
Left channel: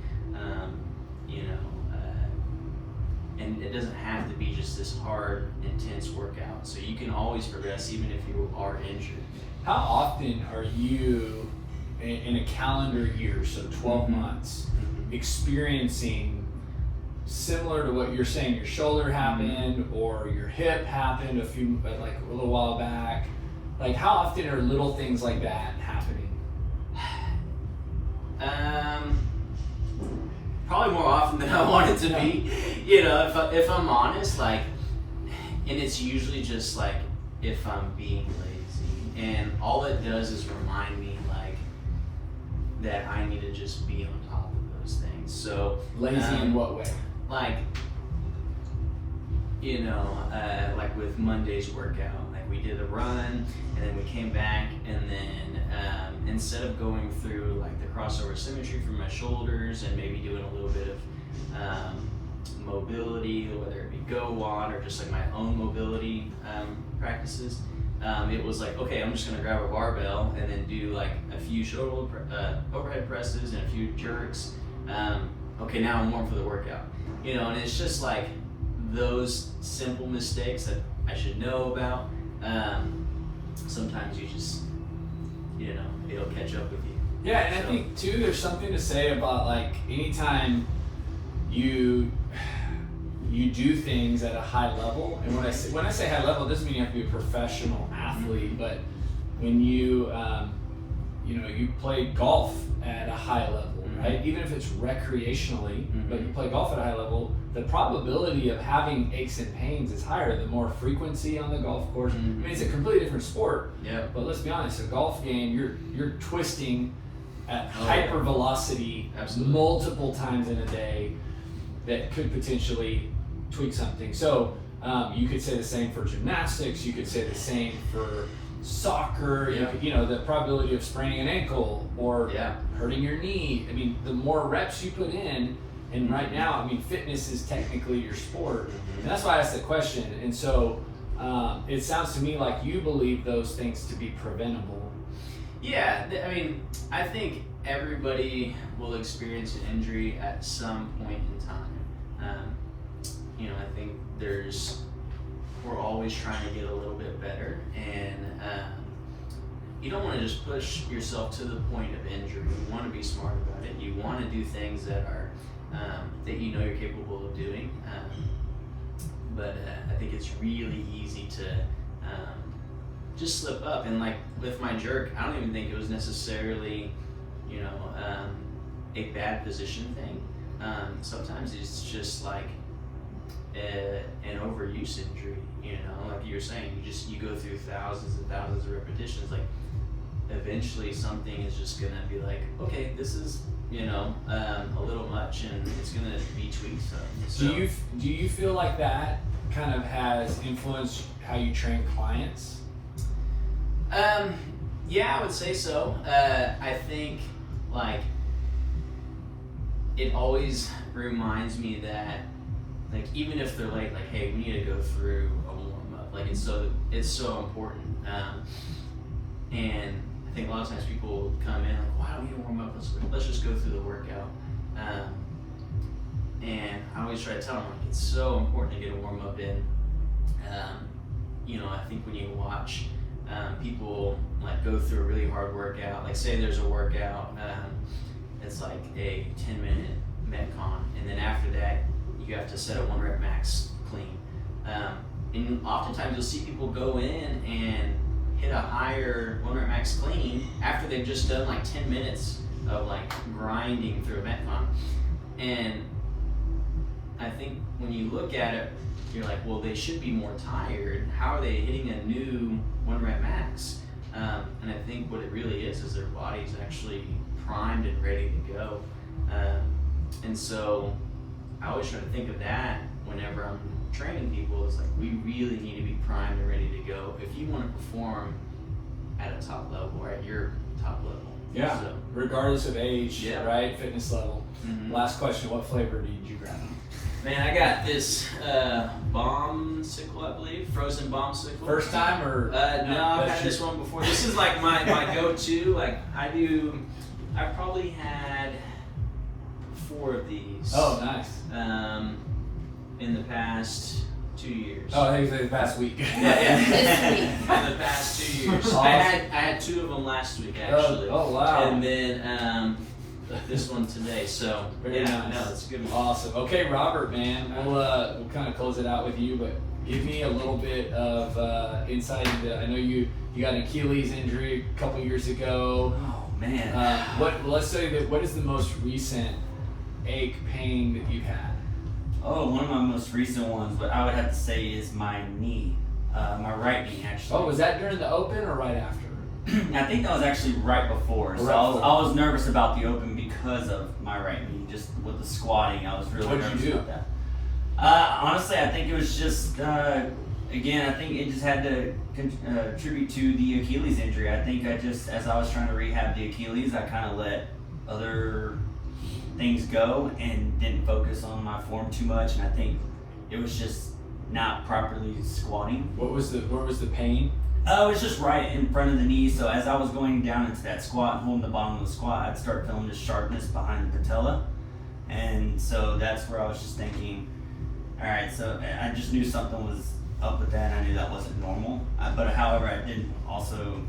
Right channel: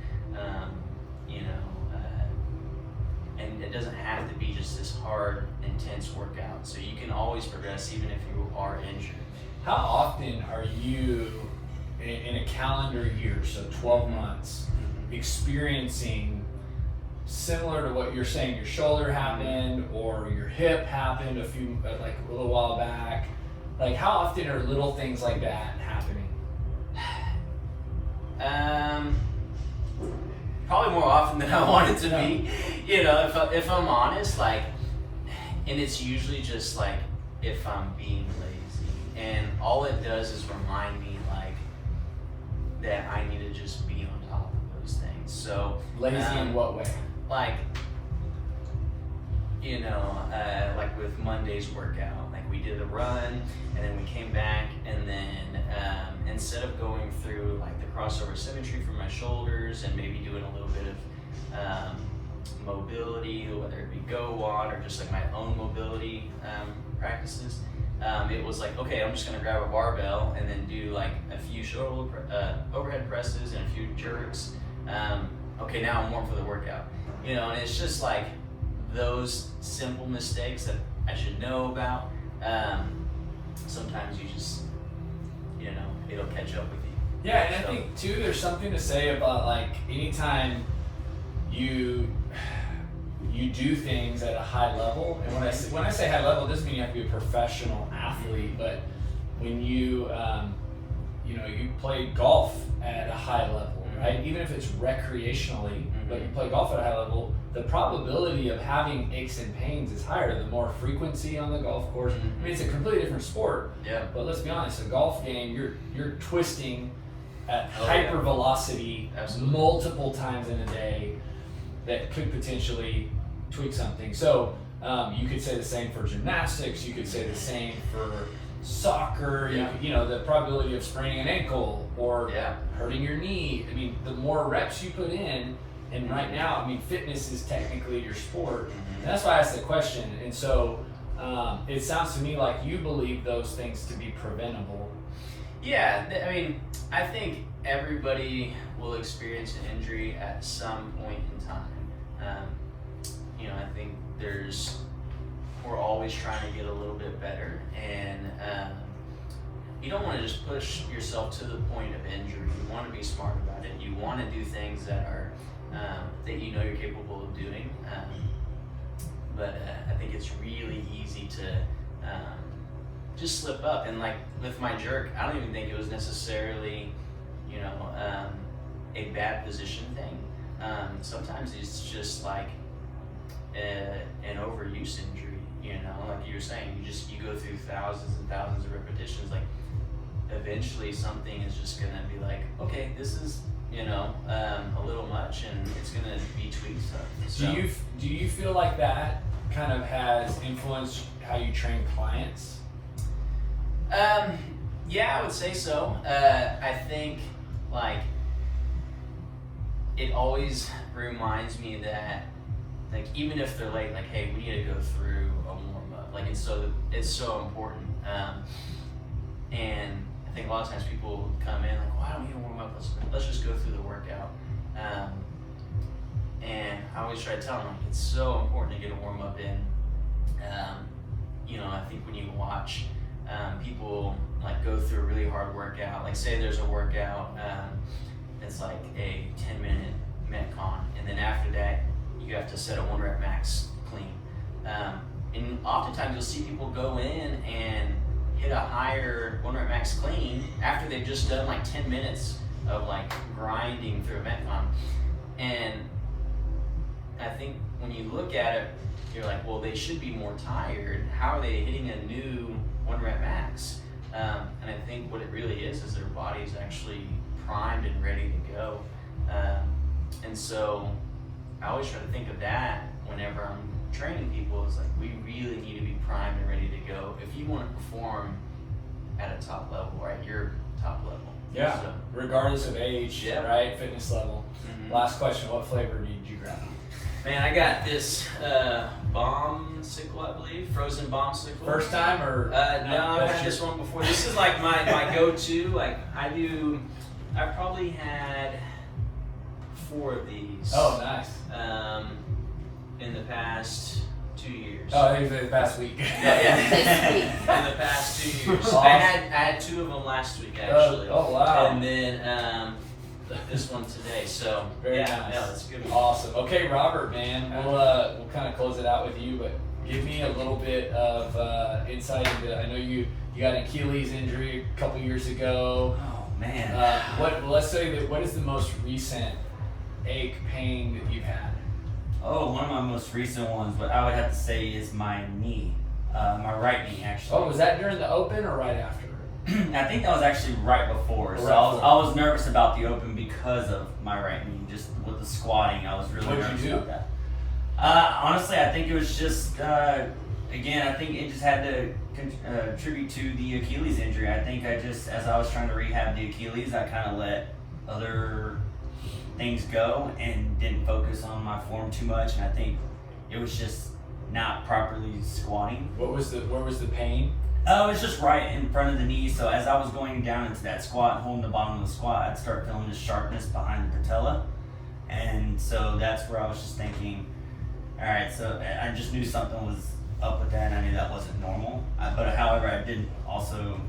and it doesn't have to be just this hard, intense workout. So you can always progress even if you are injured. How often are you in a calendar year, so 12 months, experiencing similar to what you're saying, your shoulder happened or your hip happened a little while back? Like, how often are little things like that happening? Probably more often than I want it to be. If I'm honest, like, and it's usually just like if I'm being lazy, and all it does is remind me like that I need to just be on top of those things. So Lazy in what way? like, like with Monday's workout, like we did a run, and then we came back, and then instead of going through like the crossover symmetry for my shoulders and maybe doing a little bit of mobility, whether it be go wad or just like my own mobility practices, it was like, okay, I'm just gonna grab a barbell and then do like a few shoulder overhead presses and a few jerks. Okay, now I'm warm for the workout. And it's just like those simple mistakes that I should know about. Sometimes you just, it'll catch up with you. Yeah, and I think too, there's something to say about like anytime you do things at a high level, and when I say high level, it doesn't mean you have to be a professional athlete, but when you you play golf at a high level, right? Even if it's recreationally, but you play golf at a high level, the probability of having aches and pains is higher the more frequency on the golf course. I mean, it's a completely different sport. Yeah. But let's be honest, a golf game, you're twisting at Oh, hyper yeah. velocity Absolutely. multiple times in a day that could potentially tweak something. So you could say the same for gymnastics. You could say the same for soccer. Yeah. The probability of spraining an ankle or Yeah. hurting your knee. I mean, the more reps you put in, and right now, I mean, fitness is technically your sport. And that's why I asked the question. And so it sounds to me like you believe those things to be preventable. Yeah, I mean, I think everybody will experience an injury at some point in time. I think we're always trying to get a little bit better, and you don't want to just push yourself to the point of injury. You want to be smart about it. You want to do things that are that you know you're capable of doing. But I think it's really easy to just slip up. And like with my jerk, I don't even think it was necessarily, a bad position thing. Sometimes it's just like an overuse injury. Like you were saying, you go through thousands and thousands of repetitions. Like eventually, something is just gonna be like, okay, this is a little much, and it's gonna be tweaked some. So, Do you feel like that kind of has influenced how you train clients? Yeah, I would say so. I think like it always reminds me that like even if they're late, like hey, we need to go through a warm up. Like it's so important. And I think a lot of times people will come in like, why don't we warm up? Let's just go through the workout. And I always try to tell them like it's so important to get a warm up in. I think when you watch people like go through a really hard workout, like say there's a workout, it's like a 10-minute Metcon, and then after that you have to set a 1 rep max clean. And oftentimes you'll see people go in and hit a higher 1 rep max clean after they've just done like 10 minutes of like grinding through a Metcon. And I think when you look at it, you're like, well, they should be more tired. How are they hitting a new 1 rep max? And I think what it really is their body's actually primed and ready to go. And so I always try to think of that whenever I'm training people. Is like, we really need to be primed and ready to go if you want to perform at a top level or at your top level. Yeah, So, regardless of age, Yeah. right? Fitness level. mhm. Last question: what flavor did you grab? Man, I got this bombsicle, I believe, frozen bombsicle. First time or No, I've that's had this one before. This is like my go-to. Like I've probably had 4 of these. Oh, nice. In the past 2 years. Oh, I think it was the past week. Yeah. In the past 2 years. Awesome. I had 2 of them last week actually. Oh, wow. And then this one today. So Very yeah, nice. no, it's a good one. Awesome. Okay, Robert, man, we'll kind of close it out with you, but give me a little bit of insight into. I know you got an Achilles injury a couple years ago. Oh man. Let's say that. What is the most recent ache, pain that you've had? Oh, one of my most recent ones, but I would have to say is my knee, my right knee actually. Oh, was that during the open or right after? I think that was actually right before. So Right I was nervous about the open because of my right knee. Just with the squatting, I was really What'd you nervous do? about that. Honestly, I think it was just again, I think it just had to contribute to the Achilles injury. I think as I was trying to rehab the Achilles, I kind of let other things go and didn't focus on my form too much. And I think it was just not properly squatting. Where was the pain? Oh, it was just right in front of the knee. So as I was going down into that squat and holding the bottom of the squat, I'd start feeling the sharpness behind the patella. And so that's where I was just thinking, all right, so I just knew something was up with that, and I knew that wasn't normal. But however, I did also,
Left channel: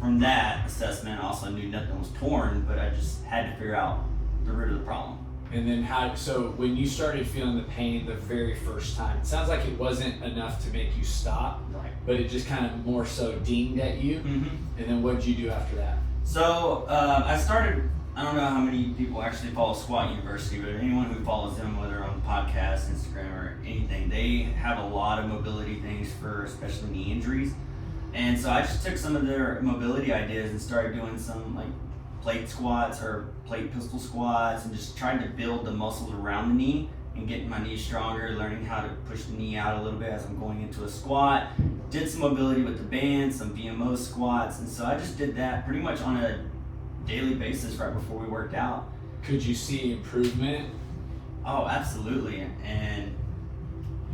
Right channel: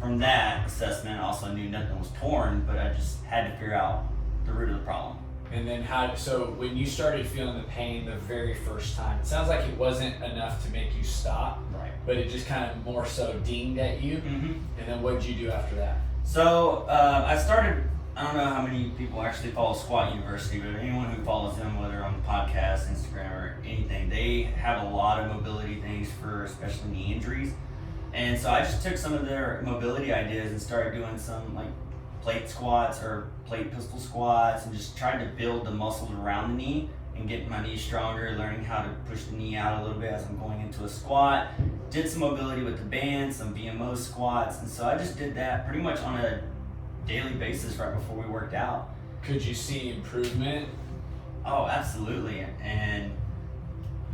from that assessment, I also knew nothing was torn, but I just had to figure out the root of the problem. And then so when you started feeling the pain the very first time, it sounds like it wasn't enough to make you stop, Right. but it just kind of more so dinged at you. Mm-hmm. And then what did you do after that? So I started, I don't know how many people actually follow Squat University, but anyone who follows them, whether on podcast, Instagram, or anything, they have a lot of mobility things for especially knee injuries. And so I just took some of their mobility ideas and started doing some like plate squats or plate pistol squats and just trying to build the muscles around the knee and getting my knee stronger, learning how to push the knee out a little bit as I'm going into a squat. Did some mobility with the band, some VMO squats, and so I just did that pretty much on a daily basis right before we worked out. Could you see improvement? Oh, absolutely, and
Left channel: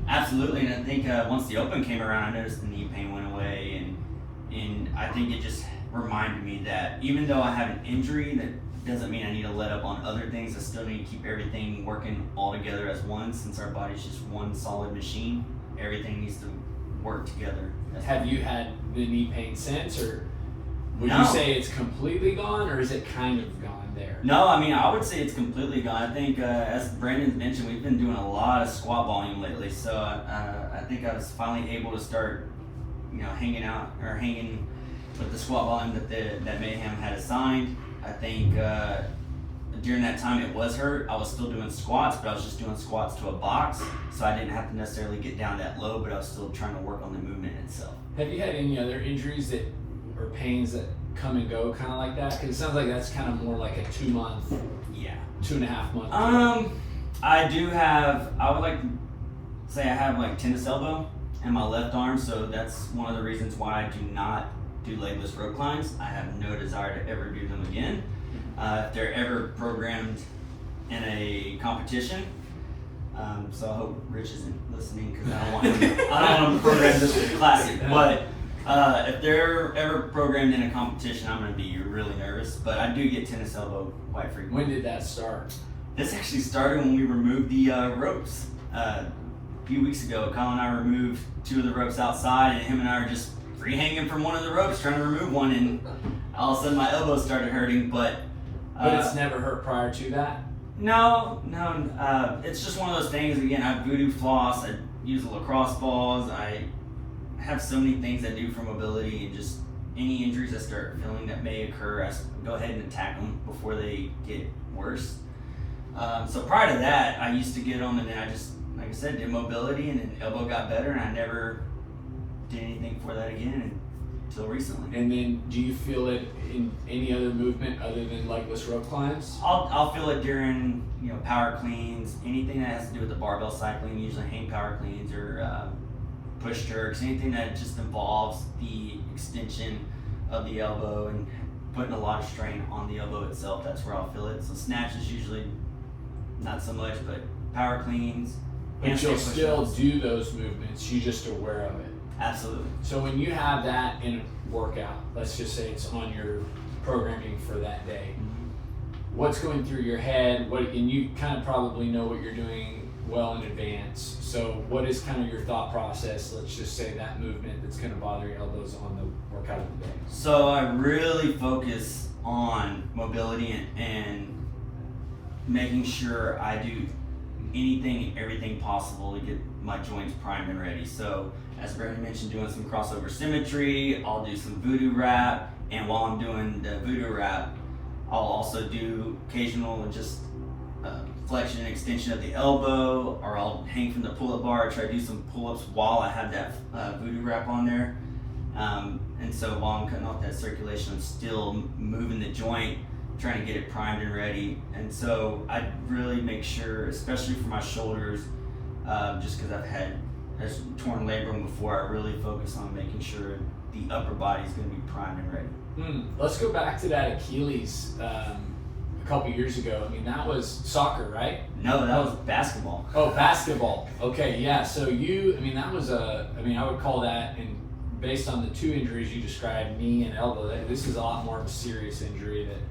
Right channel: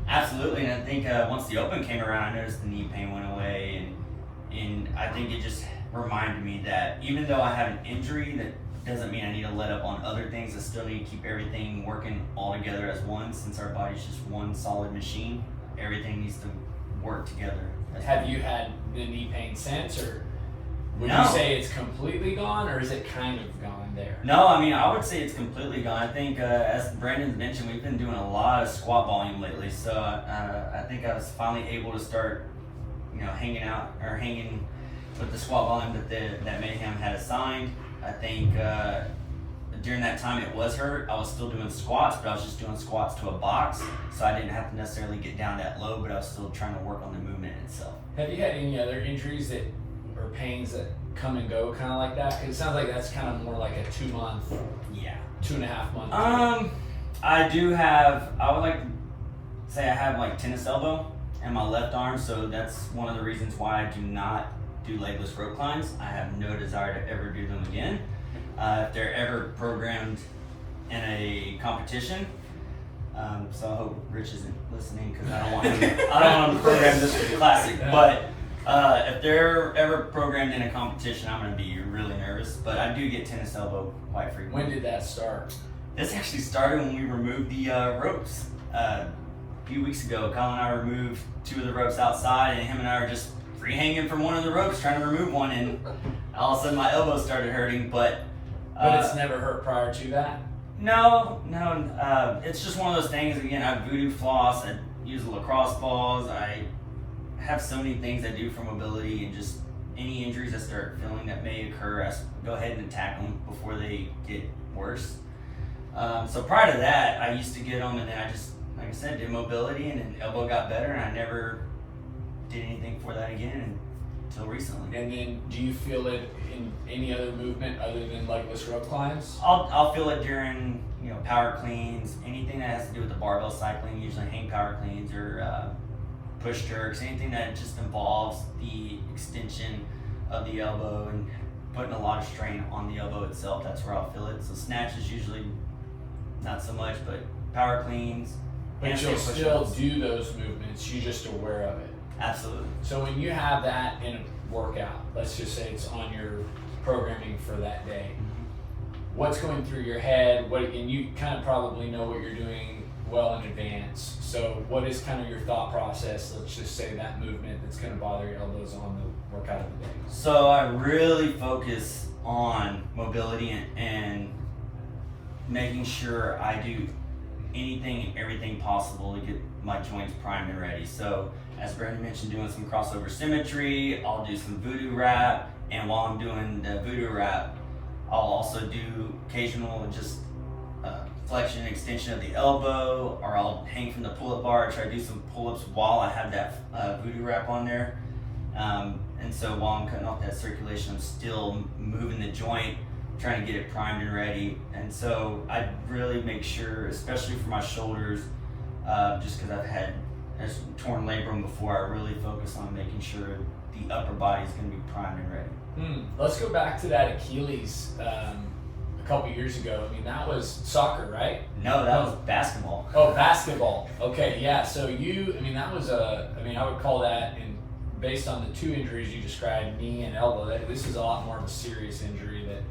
I think once the open came around, I noticed the knee pain went away, and I think it just reminded me that even though I have an injury, that doesn't mean I need to let up on other things. I still need to keep everything working all together as one. Since our body's just one solid machine, everything needs to work together. Have you had the knee pain since, or would No. you say it's completely gone, or is it kind of gone there? No, I mean, I would say it's completely gone. I think, as Brandon mentioned, we've been doing a lot of squat volume lately. So I think I was finally able to start, hanging with the squat volume that Mayhem had assigned. I think during that time it was hurt. I was still doing squats, but I was just doing squats to a box. So I didn't have to necessarily get down that low, but I was still trying to work on the movement itself. Have you had any other injuries or pains that come and go kind of like that? Because it sounds like that's kind of more like a 2 month, Yeah. 2.5 month. I would like to say I have like tennis elbow in my left arm, so that's one of the reasons why I do not do legless rope climbs. I have no desire to ever do them again. If they're ever programmed in a competition, so I hope Rich isn't listening because I don't want to program this to be classic. But if they're ever programmed in a competition, I'm going to be really nervous. But I do get tennis elbow quite frequently. When did that start? This actually started when we removed the ropes. A few weeks ago, Colin and I removed 2 of the ropes outside, and him and I were just free hanging from one of the ropes trying to remove one, and all of a sudden my elbow started hurting. But It's never hurt prior to that? no, it's just one of those things. Again, I voodoo floss, I use lacrosse balls, I have so many things I do for mobility, and just any injuries I start feeling that may occur, I go ahead and attack them before they get worse. So prior to that, I used to get them, and then I just, like I said, did mobility, and then elbow got better, and I never did anything for that again until recently. And then do you feel it in any other movement other than legless rope climbs? I'll feel it during power cleans, anything that has to do with the barbell cycling, usually hang power cleans or push jerks, anything that just involves the extension of the elbow and putting a lot of strain on the elbow itself. That's where I'll feel it. So snatches usually not so much, but power cleans. But you'll handstand still push-ups. do those movements, you're just aware of it. Absolutely. So when you have that in a workout, let's just say it's on your programming for that day, what's going through your head? And you kind of probably know what you're doing well in advance. So what is kind of your thought process? Let's just say that movement that's going to bother your elbows on the workout of the day. So I really focus on mobility and making sure I do anything and everything possible to get my joints primed and ready. So as Brandon mentioned, doing some crossover symmetry, I'll do some voodoo wrap, and while I'm doing the voodoo wrap, I'll also do occasional just flexion and extension of the elbow, or I'll hang from the pull-up bar, try to do some pull-ups while I have that voodoo wrap on there. And so while I'm cutting off that circulation, I'm still moving the joint, trying to get it primed and ready. And so I really make sure, especially for my shoulders, just because I've had a torn labrum before, I really focus on making sure the upper body is going to be primed and ready. Let's go back to that Achilles a couple years ago. I mean, that was soccer, right? No, that was basketball. Oh, basketball. Okay, yeah. So that was I would call that, based on the 2 injuries you described, knee and elbow, this is a lot more of a serious injury that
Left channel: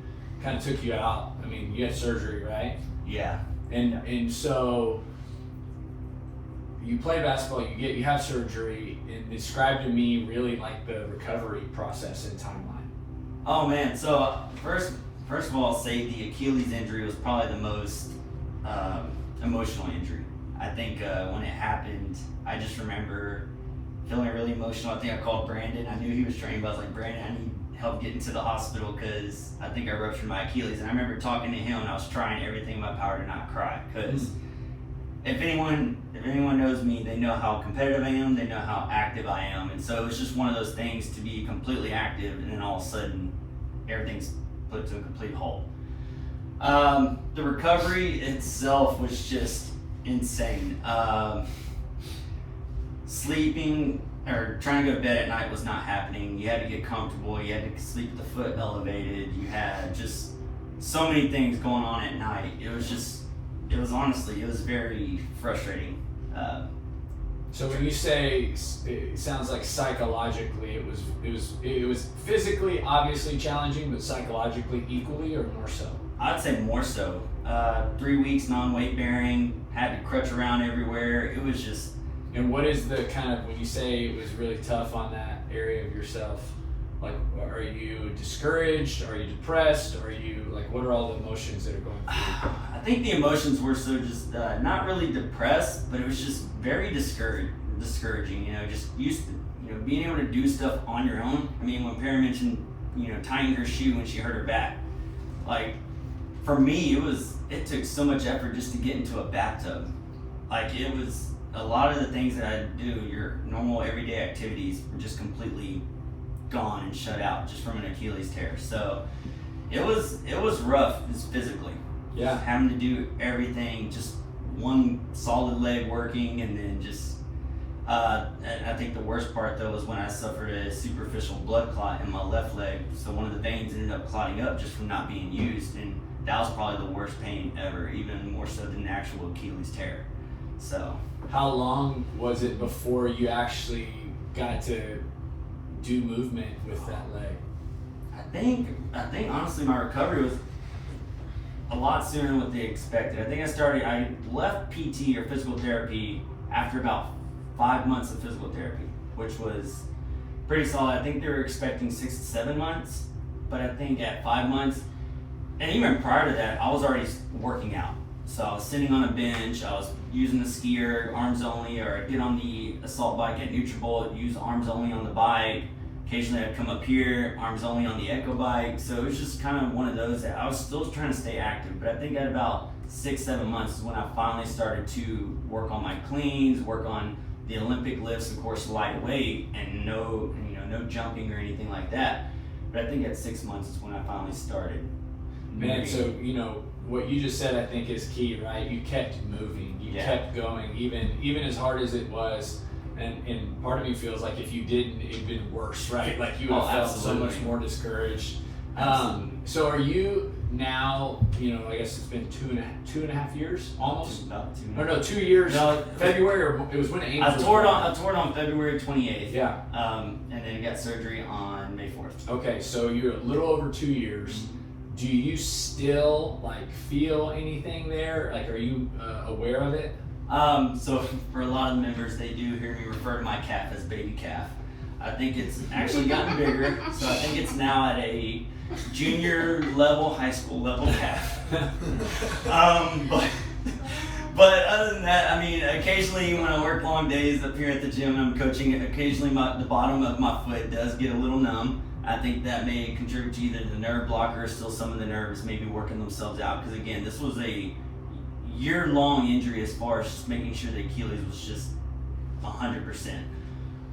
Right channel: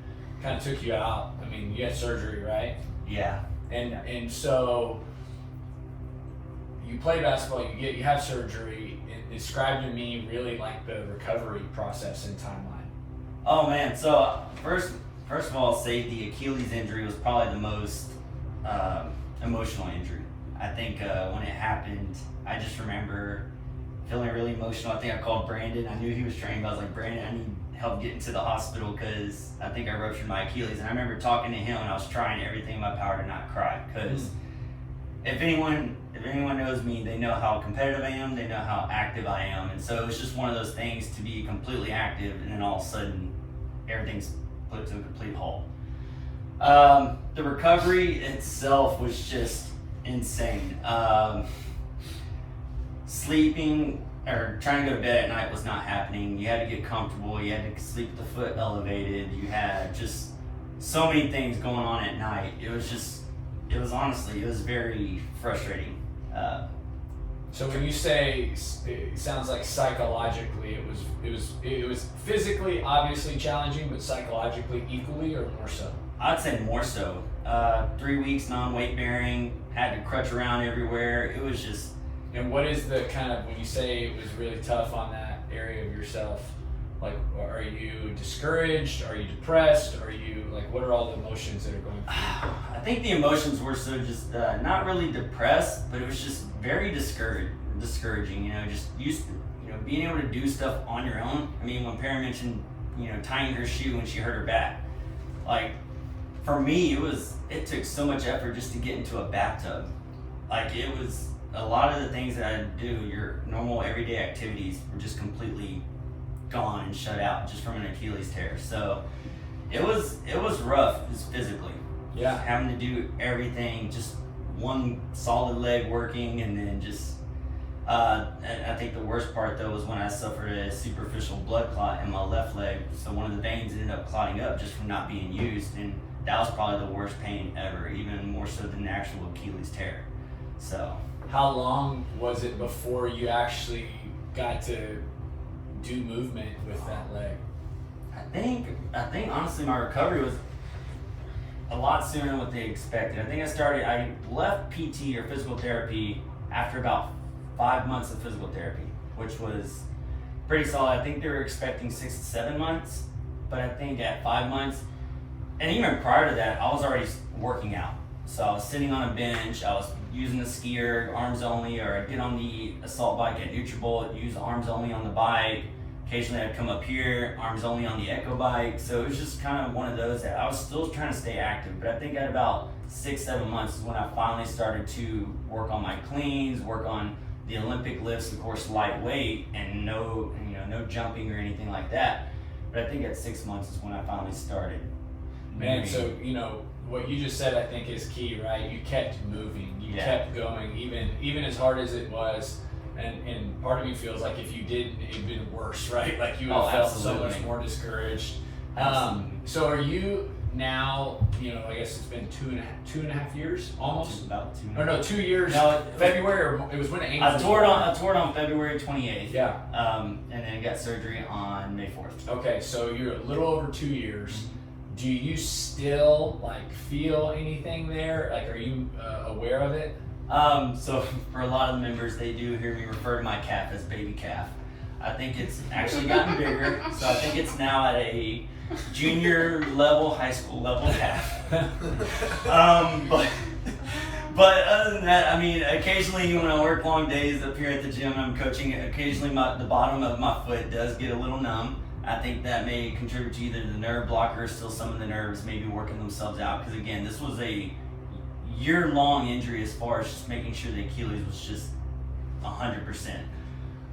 kind of took you out. I mean, you had surgery, right? Yeah. And so you play basketball, you have surgery, and describe to me really like the recovery process and timeline. Oh man, so first of all, I'll say the Achilles injury was probably the most emotional injury. I think when it happened, I just remember feeling really emotional. I think I called Brandon. I knew he was training, but I was like, Brandon, I need help getting to the hospital because I think I ruptured my Achilles. And I remember talking to him, and I was trying everything in my power to not cry, because if anyone knows me, they know how competitive I am, they know how active I am. And so it was just one of those things to be completely active, and then all of a sudden everything's put to a complete halt. The recovery itself was just insane. Sleeping or trying to go to bed at night was not happening. You had to get comfortable, you had to sleep with the foot elevated, you had just so many things going on at night. It was very frustrating. So when you say it sounds like psychologically, it was physically obviously challenging, but psychologically equally or more so? I'd say more so. 3 weeks non-weight bearing, had to crutch around everywhere. It was just. And what is the kind of, when you say it was really tough on that area of yourself, like, are you discouraged? Are you depressed? Are you, like, what are all the emotions that are going through you? I think the emotions were so just not really depressed, but it was just very discouraging. You know, just being able to do stuff on your own. I mean, when Perry mentioned, tying her shoe when she hurt her back, like for me, it took so much effort just to get into a bathtub. Like it was a lot of the things that I do, your normal everyday activities, were just completely gone and shut out just from an Achilles tear. So it was rough, just physically. Yeah. Just having to do everything, just one solid leg working, and then just. And I think the worst part though was when I suffered a superficial blood clot in my left leg. So one of the veins ended up clotting up just from not being used, and that was probably the worst pain ever, even more so than the actual Achilles tear. So. How long was it before you actually got to do movement with that leg? I think honestly my recovery was a lot sooner than what they expected. I left PT or physical therapy after about 5 months of physical therapy, which was pretty solid. I think they were expecting 6 to 7 months, but I think at 5 months, and even prior to that, I was already working out. So I was sitting on a bench, I was using the skier, arms only, or I'd get on the assault bike at Nutribullet, use arms only on the bike. Occasionally I'd come up here, arms only on the Echo bike. So it was just kind of one of those that I was still trying to stay active. But I think at about 6, 7 months is when I finally started to work on my cleans, work on the Olympic lifts, of course, lightweight, and no jumping or anything like that. But I think at 6 months is when I finally started. Man, so what you just said, I think, is key, right? You kept moving, you kept going, even as hard as it was. And part of me feels like if you didn't, it'd been worse, right? Like you would have felt so much more discouraged. So are you now? I guess it's been two and a half years, almost. About 2 Or months. no, 2 years. No, February, or it was when it. I tore it on February 28th. Yeah. And then got surgery on May 4th. Okay, so you're a little over 2 years. Do you still feel anything there? Like, are you aware of it? So for a lot of the members, they do hear me refer to my calf as baby calf. I think it's actually gotten bigger, so I think it's now at a junior level, high school level calf. But other than that, I mean, occasionally when I work long days up here at the gym, I'm coaching. Occasionally, the bottom of my foot does get a little numb. I think that may contribute to either the nerve blocker or still some of the nerves maybe working themselves out. Because again, this was a year-long injury as far as just making sure the Achilles was just 100%.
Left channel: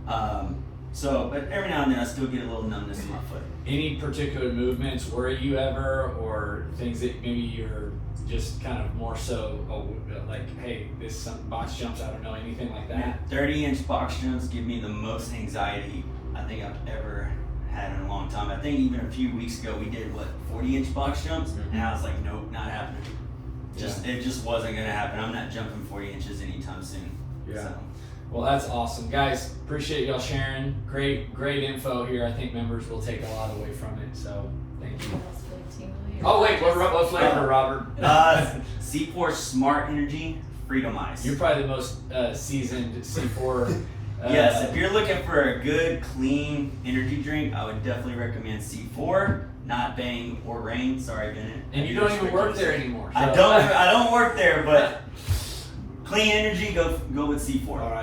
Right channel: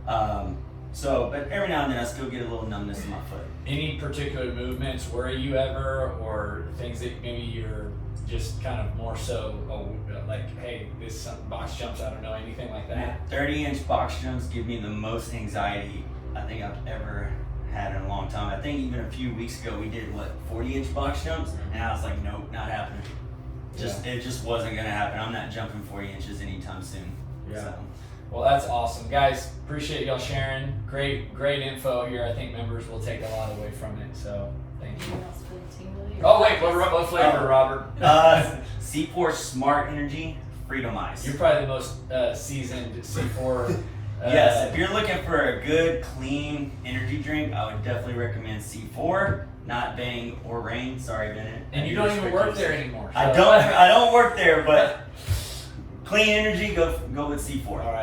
But every now and then I still get a little numbness in my foot. Any particular movements worry you ever, or things that maybe you're just kind of more so like, hey, this box jumps, I don't know, anything like that? 30-inch box jumps give me the most anxiety I think I've ever had in a long time. I think even a few weeks ago we did 40-inch box jumps, and I was like, nope, not happening. It just wasn't gonna happen. I'm not jumping 40 inches anytime soon. Yeah. So. Well, that's awesome, guys. Appreciate y'all sharing. Great info here. I think members will take a lot away from it. So thank you. What else for the team will you Oh wait, have? let's look at Robert. C4 Smart Energy Freedom Ice. You're probably the most seasoned C4. Yes, if you're looking for a good, clean energy drink, I would definitely recommend C4, not Bang or Reign. Sorry, Bennett. And you don't even work there anymore. So. I don't work there, but clean energy, go with C4. All right.